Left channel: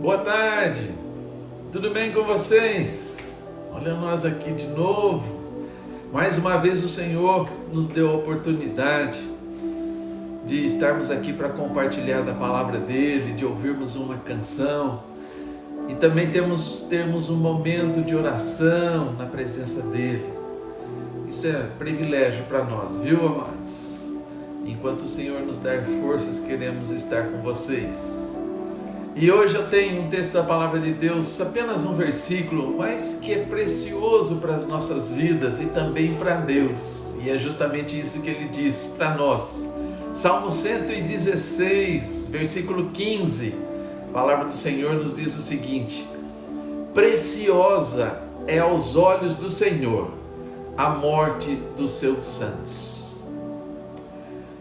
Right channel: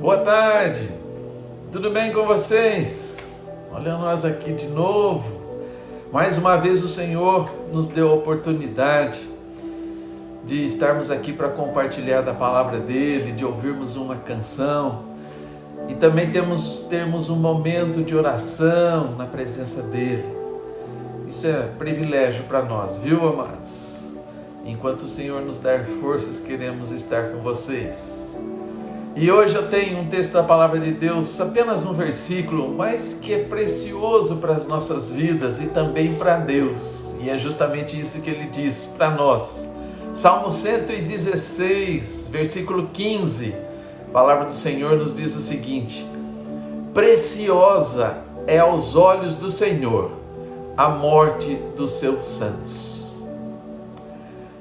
Boa tarde, tudo bem com vocês? Olha nós aqui de novo. Mais uma vez o Senhor nos deu a oportunidade de estarmos aqui para compartilhar da palavra dele, de ouvirmos uma canção e também termos um momento de oração na presença dele. Isso é privilégio para nós, viu, amados? Enquanto o Senhor nos der forças, queremos estar com vocês. E hoje eu tenho um texto da palavra de Deus, apenas um versículo, mas que é precioso para as nossas vidas e também para Deus. E é justamente isso que ele diz para nós. Salmo 116, versículo 15. A palavra do Senhor nos diz o seguinte: preciosa é aos olhos do Senhor a morte dos seus santos.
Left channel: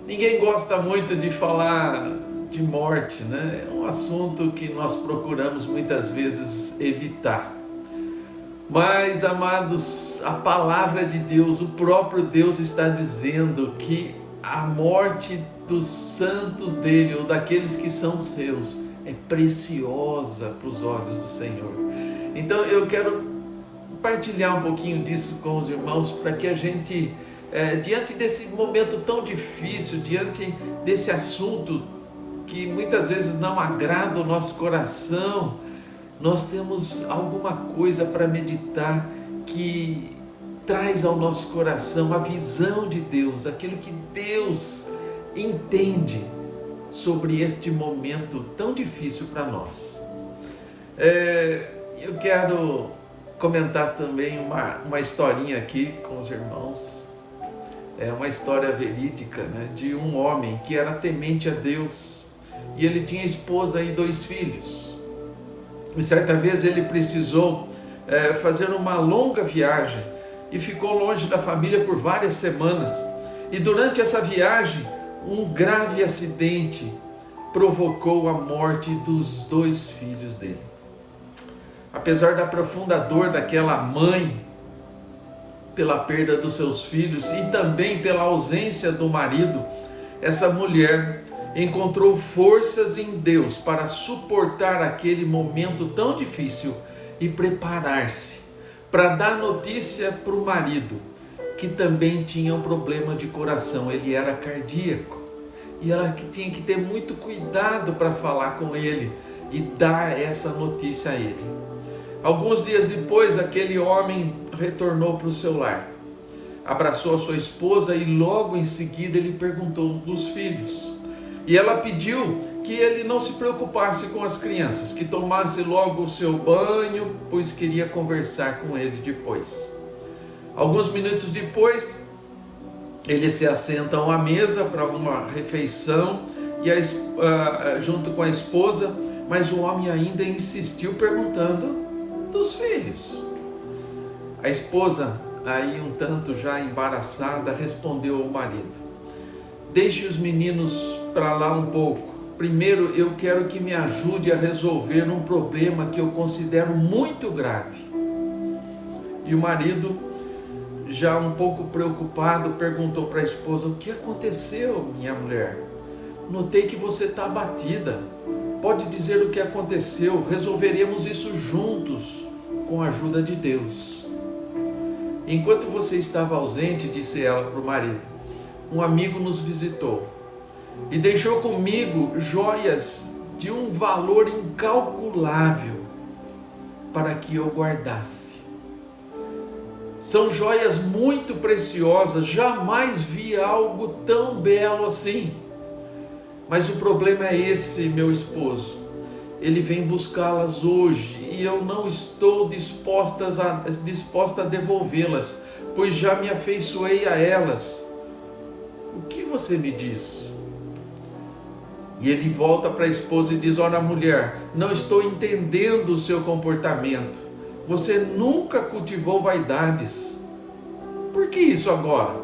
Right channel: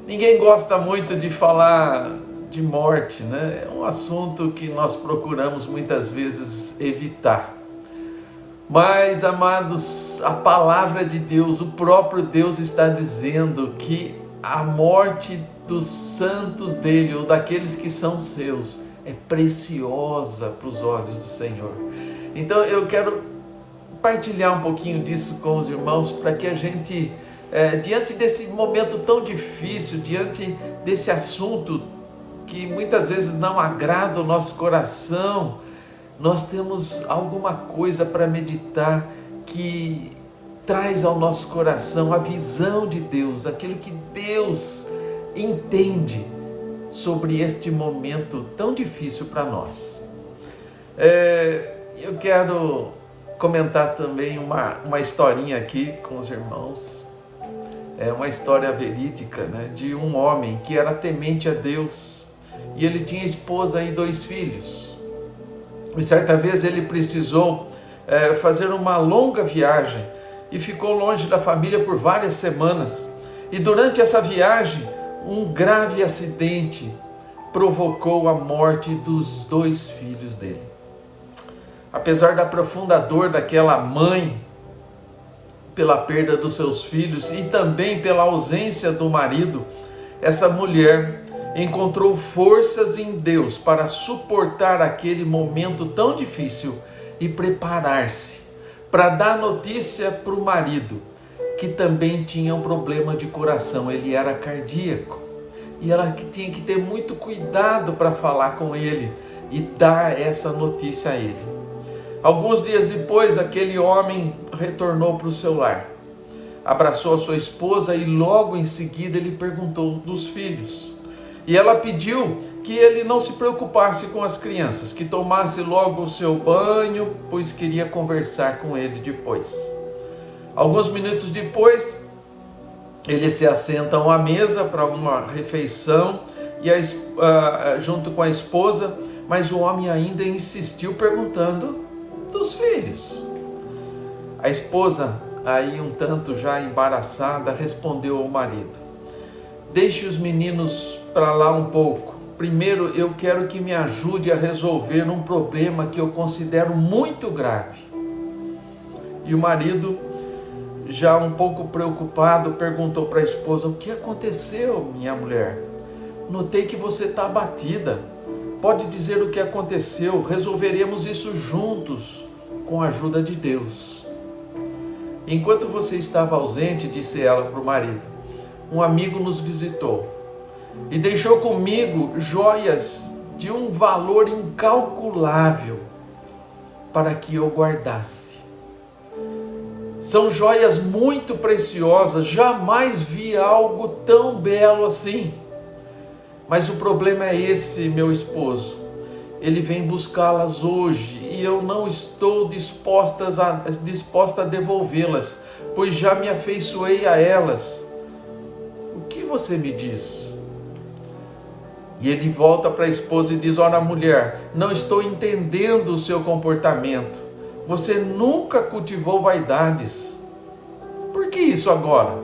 Ninguém gosta muito de falar de morte, né? É um assunto que nós procuramos muitas vezes evitar. Mas, amados, a palavra de Deus, o próprio Deus está dizendo que a morte dos santos dele, ou daqueles que são seus, é preciosa para os olhos do Senhor. Então eu quero partilhar um pouquinho disso com os irmãos, para que a gente, diante desse momento tão difícil, diante desse assunto que muitas vezes não agrada o nosso coração, nós temos alguma coisa para meditar que traz ao nosso coração a visão de Deus, aquilo que Deus entende sobre este momento tão difícil para nós. Eu quero comentar também uma historinha aqui com os irmãos. É uma história verídica, né, de um homem que era temente a Deus. E ele tinha esposa e 2 filhos. E certa vez ele precisou fazer uma longa viagem e ficou longe da família por várias semanas. E durante essa viagem, um grave acidente provocou a morte dos 2 filhos dele. Apesar da profunda dor daquela mãe pela perda dos seus filhos e também pela ausência do marido, essa mulher encontrou forças em Deus para suportar aquele momento tão difícil e preparar-se para dar notícia para o marido, que também tinha um problema de coração, ele era cardíaco, e ela tinha que ter muito cuidado para falar com ele e dar essa notícia a ele. Alguns dias depois, aquele homem retornou para o seu lar, abraçou a sua esposa e logo em seguida ele perguntou dos filhos. E ela pediu que ele não se preocupasse com as crianças, que tomasse logo o seu banho, pois queria conversar com ele depois. Alguns minutos depois, eles se assentam à mesa para uma refeição e junto com a esposa, mas o homem ainda insistiu perguntando dos filhos. A esposa, aí um tanto já embaraçada, respondeu ao marido: deixe os meninos para lá um pouco. Primeiro eu quero que me ajude a resolver um problema que eu considero muito grave. E o marido, já um pouco preocupado, perguntou para a esposa: o que aconteceu, minha mulher? Notei que você está abatida. Pode dizer o que aconteceu, resolveremos isso juntos, com a ajuda de Deus. Enquanto você estava ausente, disse ela para o marido, um amigo nos visitou e deixou comigo joias de um valor incalculável para que eu guardasse. São joias muito preciosas, jamais vi algo tão belo assim. Mas o problema é esse, meu esposo. Ele vem buscá-las hoje e eu não estou disposta a devolvê-las, pois já me afeiçoei a elas. O que você me diz? E ele volta para a esposa e diz: ora, mulher, não estou entendendo o seu comportamento. Você nunca cultivou vaidades. Por que isso agora?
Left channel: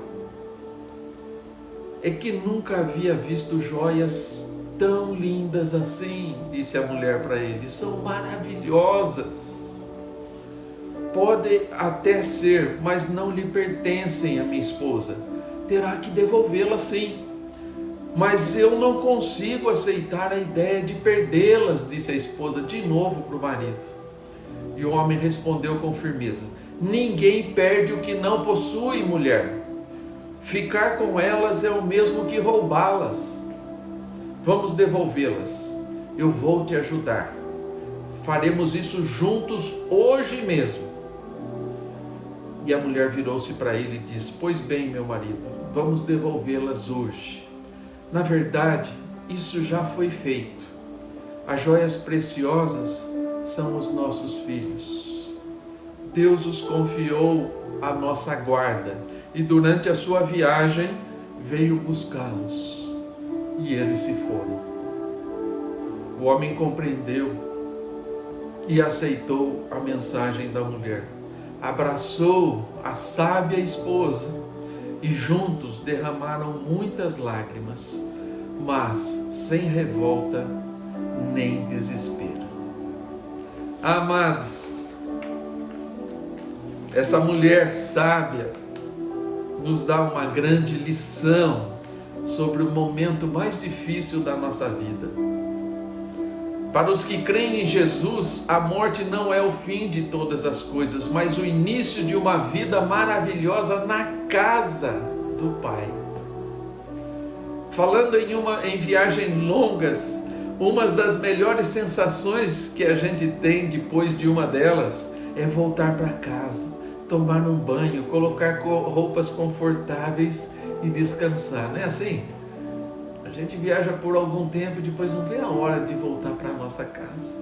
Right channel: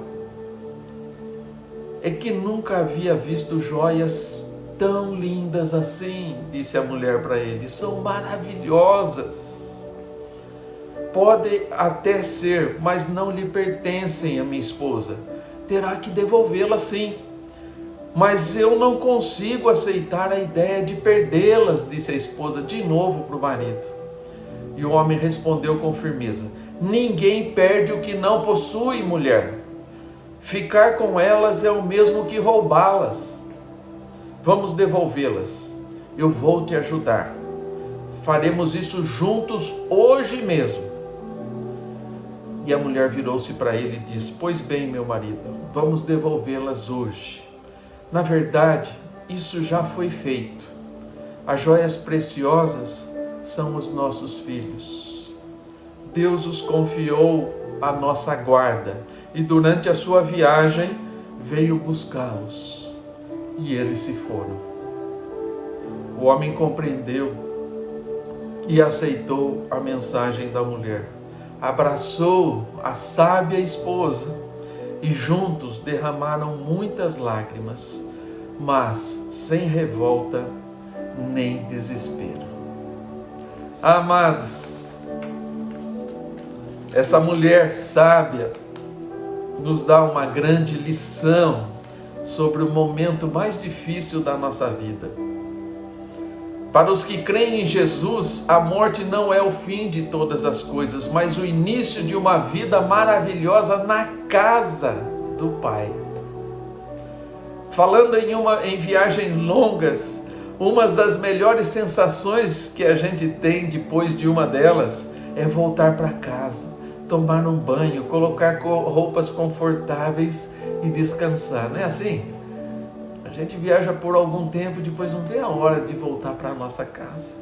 É que nunca havia visto joias tão lindas assim, disse a mulher para ele. São maravilhosas. Pode até ser, mas não lhe pertencem a minha esposa. Terá que devolvê-la sim. Mas eu não consigo aceitar a ideia de perdê-las, disse a esposa de novo para o marido. E o homem respondeu com firmeza: ninguém perde o que não possui, mulher. Ficar com elas é o mesmo que roubá-las. Vamos devolvê-las. Eu vou te ajudar. Faremos isso juntos hoje mesmo. E a mulher virou-se para ele e disse: pois bem, meu marido, vamos devolvê-las hoje. Na verdade, isso já foi feito. As joias preciosas são os nossos filhos. Deus os confiou à nossa guarda e durante a sua viagem veio buscá-los e eles se foram. O homem compreendeu e aceitou a mensagem da mulher. Abraçou a sábia esposa e juntos derramaram muitas lágrimas, mas sem revolta nem desespero. Amados, essa mulher sábia nos dá uma grande lição sobre o momento mais difícil da nossa vida. Para os que creem em Jesus, a morte não é o fim de todas as coisas, mas o início de uma vida maravilhosa na casa do Pai. Falando em viagens longas, uma das melhores sensações que a gente tem depois de uma delas é voltar para casa, tomar um banho, colocar roupas confortáveis e descansar. Não é assim? A gente viaja por algum tempo e depois não vê a hora de voltar para a nossa casa.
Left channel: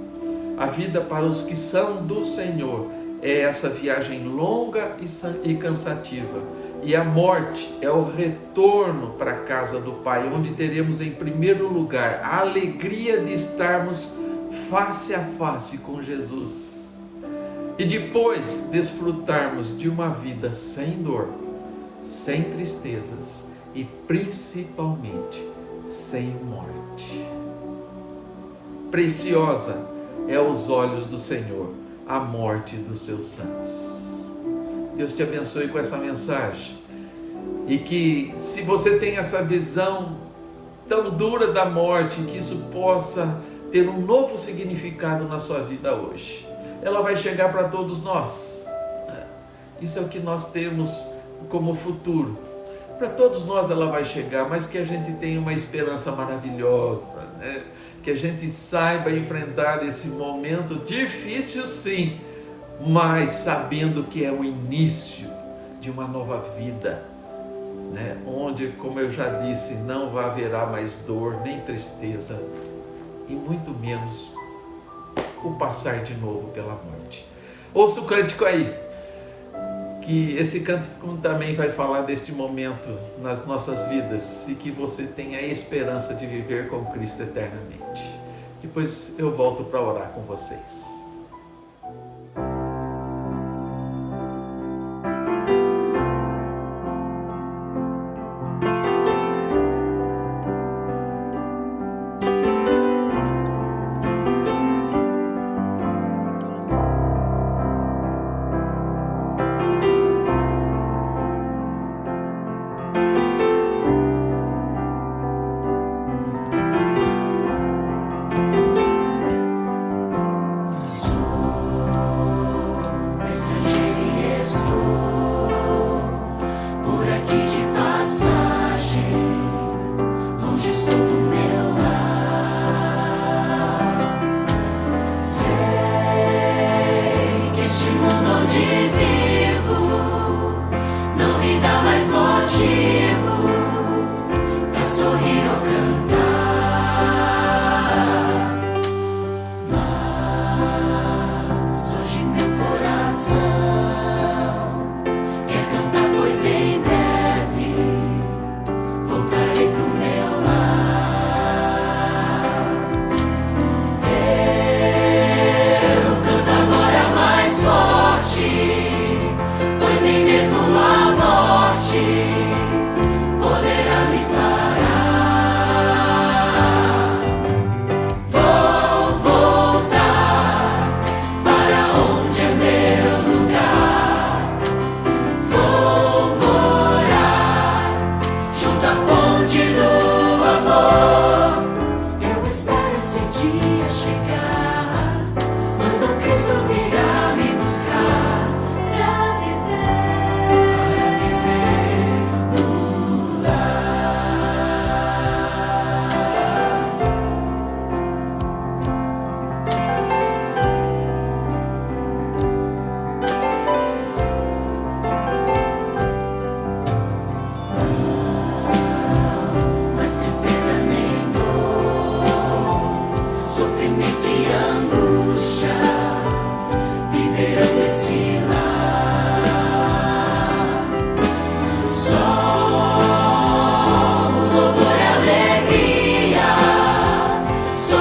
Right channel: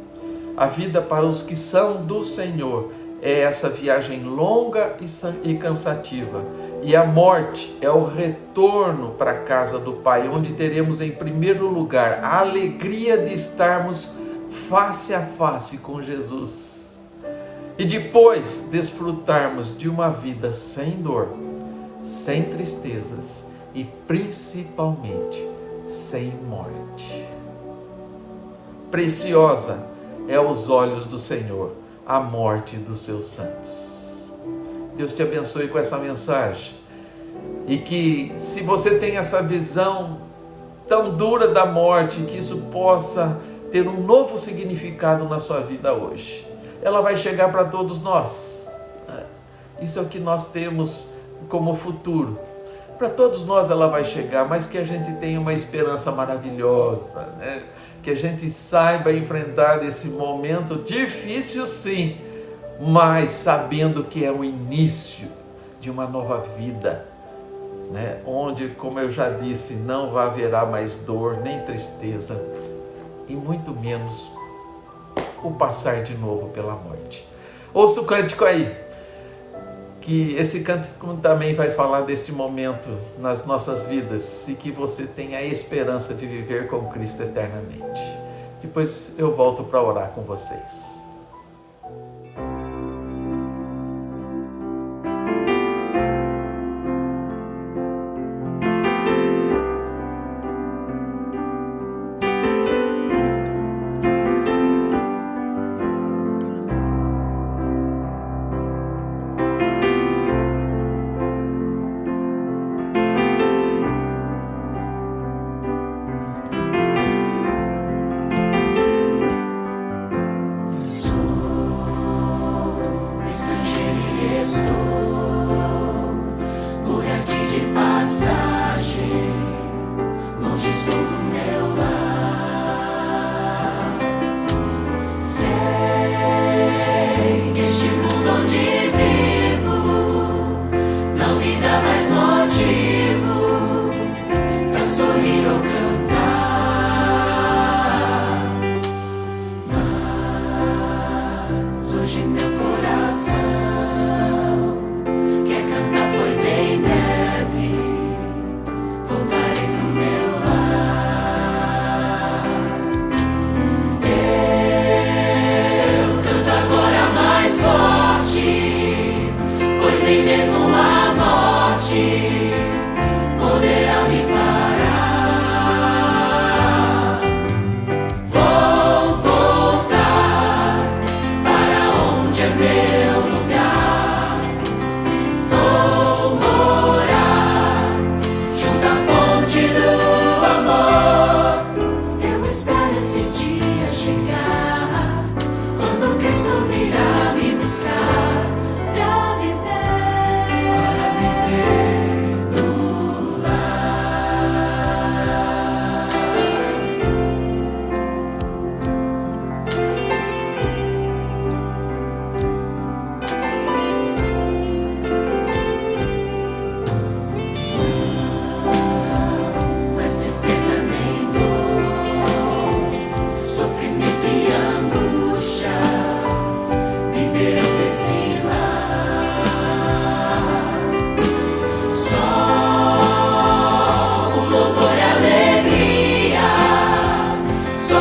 A vida para os que são do Senhor é essa viagem longa e cansativa. E a morte é o retorno para a casa do Pai, onde teremos em primeiro lugar a alegria de estarmos face a face com Jesus. E depois desfrutarmos de uma vida sem dor, sem tristezas e principalmente sem morte. Preciosa é aos olhos do Senhor a morte dos seus santos. Deus te abençoe com essa mensagem. E que, se você tem essa visão tão dura da morte, que isso possa ter um novo significado na sua vida hoje. Ela vai chegar para todos nós. Isso é o que nós temos como futuro. Para todos nós ela vai chegar, mas que a gente tenha uma esperança maravilhosa, né? Que a gente saiba enfrentar esse momento difícil, sim, mas sabendo que é o início de uma nova vida, né? Onde, como eu já disse, não haverá mais dor, nem tristeza, e muito menos o passar de novo pela morte. Ouça o cântico aí, que esse cântico também vai falar desse momento nas nossas vidas e que você tenha a esperança de viver com Cristo eternamente. Depois eu volto para orar com vocês.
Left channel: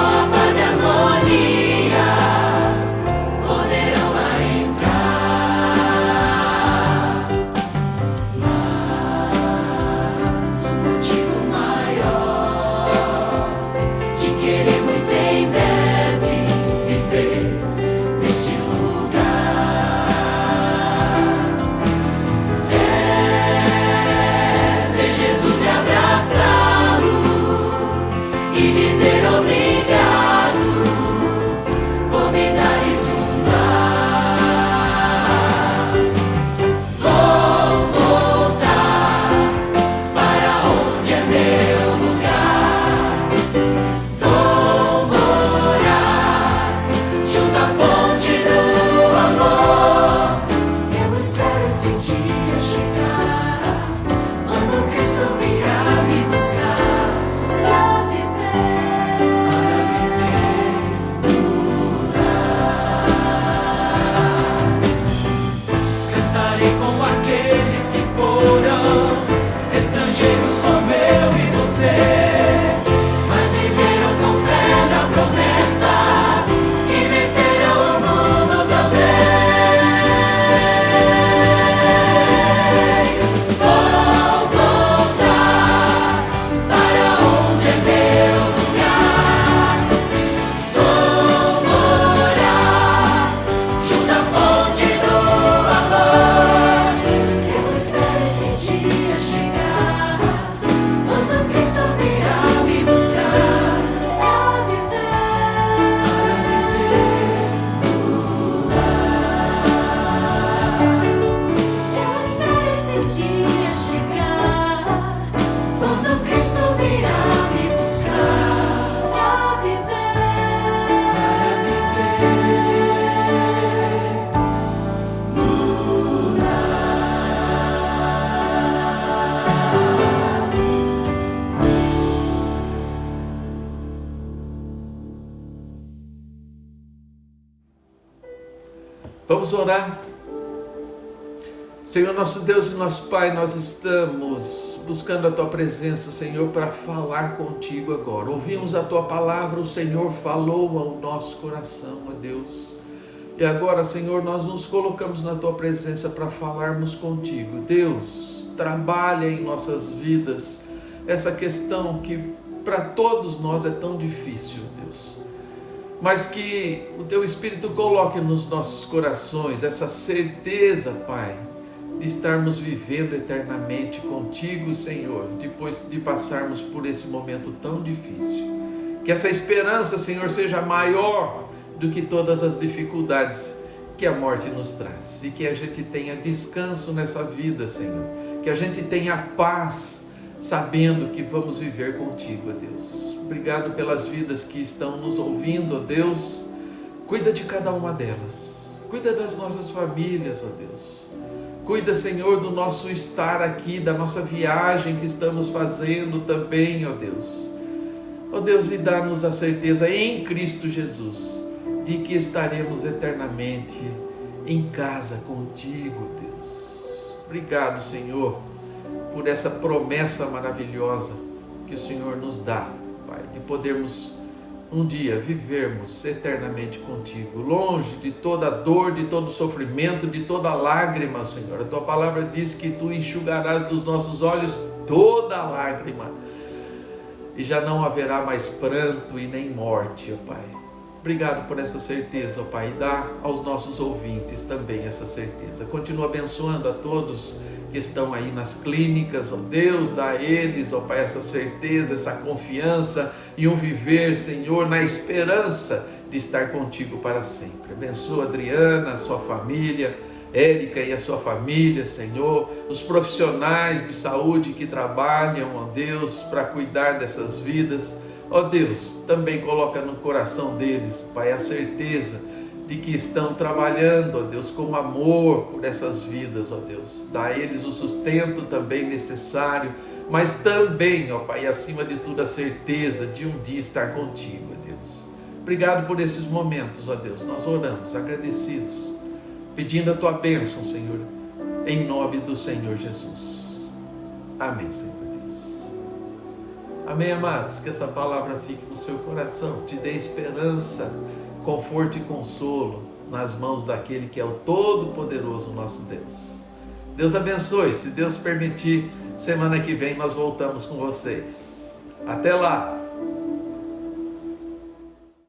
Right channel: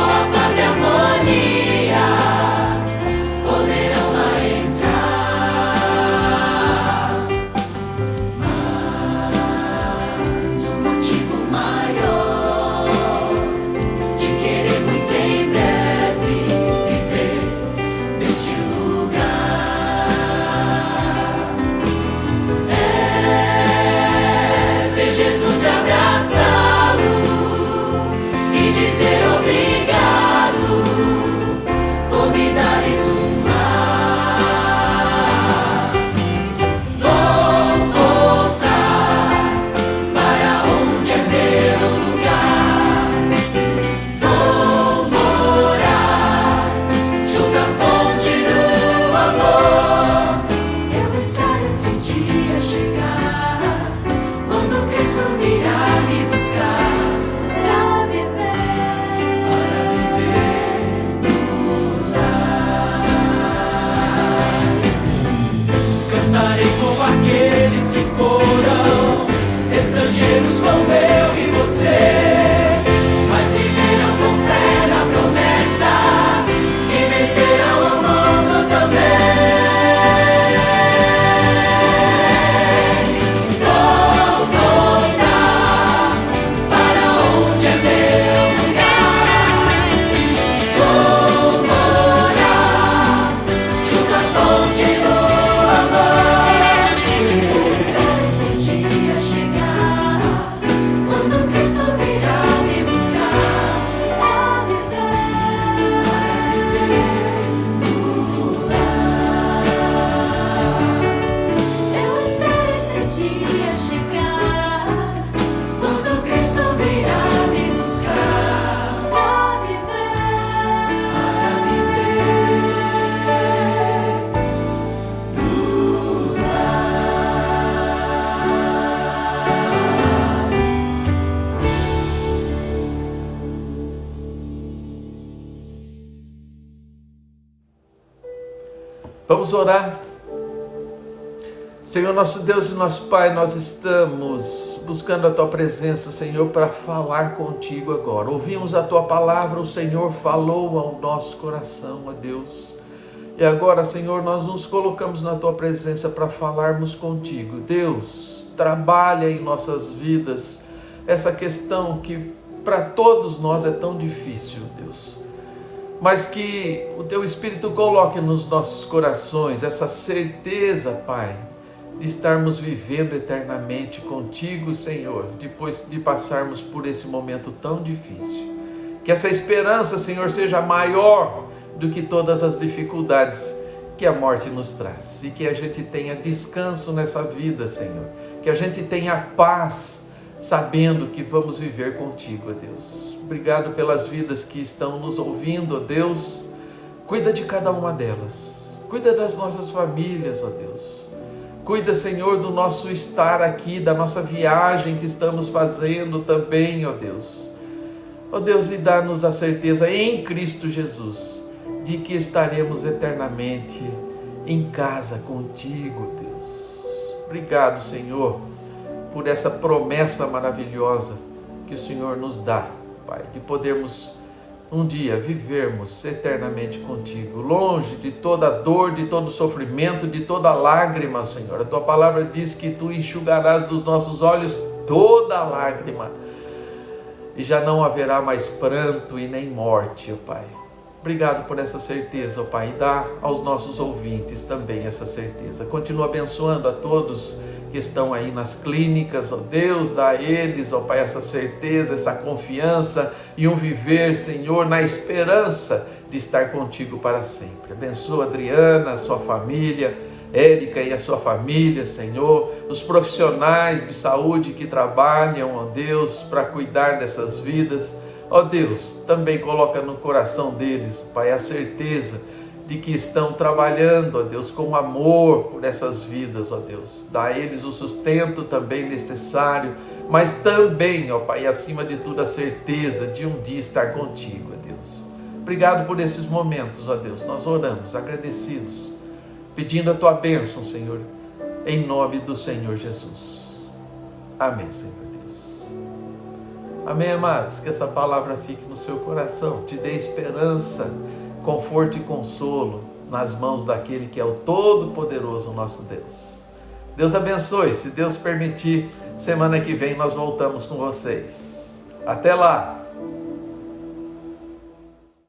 a paz e a harmonia poderão lá entrar. Mas um motivo maior de querer muito em breve viver nesse lugar é ver Jesus abraçá-lo e dizer obrigado por me dares um lar. Vou voltar para onde é meu lugar. Vou morar junto à fonte do amor. Eu espero esse dia chegar, quando Cristo virá me buscar para viver no lar. Cantarei com aqueles que foram estrangeiros como eu e você, mas viveram com fé na promessa e vencerão o mundo também. Vou voltar para onde é meu lugar. Vou morar junto à fonte do amor. Eu espero esse dia chegar, quando Cristo virá me buscar para viver no lar. Eu espero esse dia chegar, quando Cristo virá me buscar para viver no Vamos orar. Senhor, nosso Deus e nosso Pai, nós estamos buscando a Tua presença, Senhor, para falar contigo agora. Ouvimos a Tua palavra, o Senhor falou ao nosso coração, ó Deus. E agora, Senhor, nós nos colocamos na Tua presença para falarmos contigo. Deus, trabalha em nossas vidas essa questão que para todos nós é tão difícil, Deus. Mas que o Teu Espírito coloque nos nossos corações essa certeza, Pai, de estarmos vivendo eternamente contigo, Senhor, depois de passarmos por esse momento tão difícil. Que essa esperança, Senhor, seja maior do que todas as dificuldades que a morte nos traz. E que a gente tenha descanso nessa vida, Senhor. Que a gente tenha paz, sabendo que vamos viver contigo, ó Deus. Obrigado pelas vidas que estão nos ouvindo, ó Deus. Cuida de cada uma delas. Cuida das nossas famílias, ó Deus. Cuida, Senhor, do nosso estar aqui, da nossa viagem que estamos fazendo também, ó Deus. Ó Deus, e dá-nos a certeza em Cristo Jesus de que estaremos eternamente em casa contigo, Deus. Obrigado, Senhor, por essa promessa maravilhosa que o Senhor nos dá, Pai, de podermos um dia vivermos eternamente contigo, longe de toda dor, de todo sofrimento, de toda lágrima, Senhor. A Tua palavra diz que Tu enxugarás dos nossos olhos toda lágrima e já não haverá mais pranto e nem morte, ó Pai. Obrigado por essa certeza, ó Pai, e dá aos nossos ouvintes também essa certeza. Continua abençoando a todos que estão aí nas clínicas, ó Deus, dá a eles, ó Pai, essa certeza, essa confiança e um viver, Senhor, na esperança de estar contigo para sempre. Abençoa a Adriana, a sua família, Érica e a sua família, Senhor, os profissionais de saúde que trabalham, ó Deus, para cuidar dessas vidas. Ó Deus, também coloca no coração deles, Pai, a certeza de que estão trabalhando, ó Deus, com amor por essas vidas, ó Deus. Dá a eles o sustento também necessário, mas também, ó Pai, acima de tudo, a certeza de um dia estar contigo, ó Deus. Obrigado por esses momentos, ó Deus. Nós oramos agradecidos, pedindo a Tua bênção, Senhor, em nome do Senhor Jesus. Amém, Senhor Deus. Amém, amados? Que essa palavra fique no seu coração, te dê esperança, conforto e consolo nas mãos daquele que é o Todo-Poderoso, nosso Deus. Deus abençoe. Se Deus permitir, semana que vem nós voltamos com vocês. Até lá!